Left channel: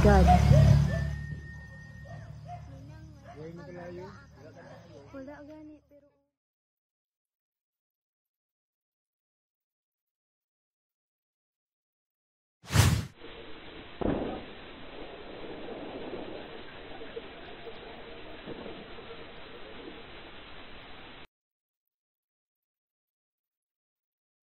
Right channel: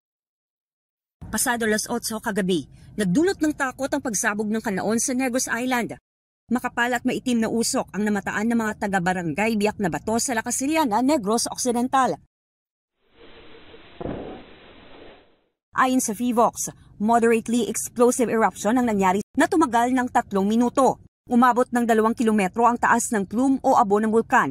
God. Pasado alas 8 kagabi, nagdulot ng takot ang pagsabog ng kanaon sa Negros Island. Makapal at maitim na usok ang namataan ng mga taga-barangay Biak na Bato sa La Casiliana, Negros Occidental. Ayon sa PHIVOX, moderately explosive eruption ang nangyari na tumagal ng 3 minuto. Umabot ng 2 kilometro ang taas ng plume o abo ng bulkan.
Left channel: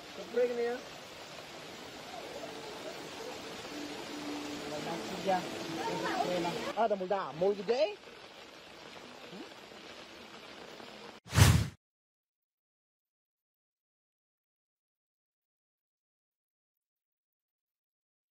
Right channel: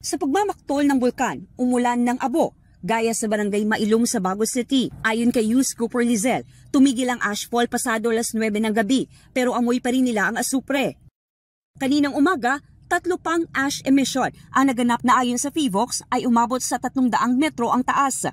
Sa pagmamaktol ng bulkan, umulan ng abo, gaya sa barangay Mailong sa Bago City. Ayon kay Yus Cooper Lizel, tumigil ang ashfall pasado alas 9 ng gabi, pero amoy pa rin nila ang asupre. Kaninang umaga, 3 pang ash emission ang naganap na ayon sa PHIVOX ay umabot sa 300 metro ang taas.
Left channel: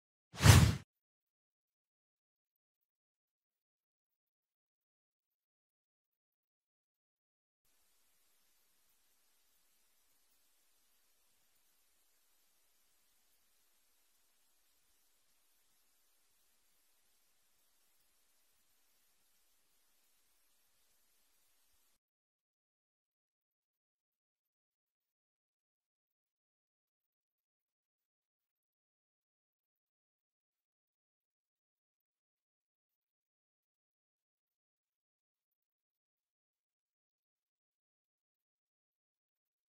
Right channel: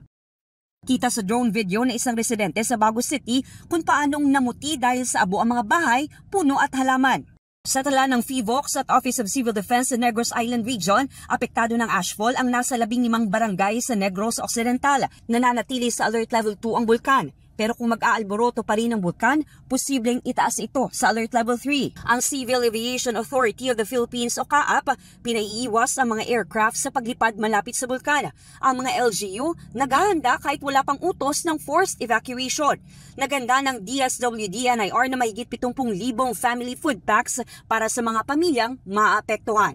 Kita sa drone video na isang residente sa Bago City kung paanong namuti dahil sa abo ang mga bahay, puno at halaman. Sa tala ng PHIVOX at Office of Civil Defense sa Negros Island Region, apektado ng ashfall ang nasa 15 barangay sa Negros Occidental. Nananatili sa Alert Level 2 ang bulkan. Pero kung mag-aalboroto pa rin ang bulkan, posibleng itaas ito sa Alert Level 3. Ang Civil Aviation Authority of the Philippines o CAAP, pinaiiwas ang mga aircraft sa paglipad malapit sa bulkan. Ang mga LGU, naghahanda kahit wala pang utos ng forced evacuation. Naganda ng DSWD-NIR na mahigit 70,000 family food packs para sa mga pamilyang maapektuhan.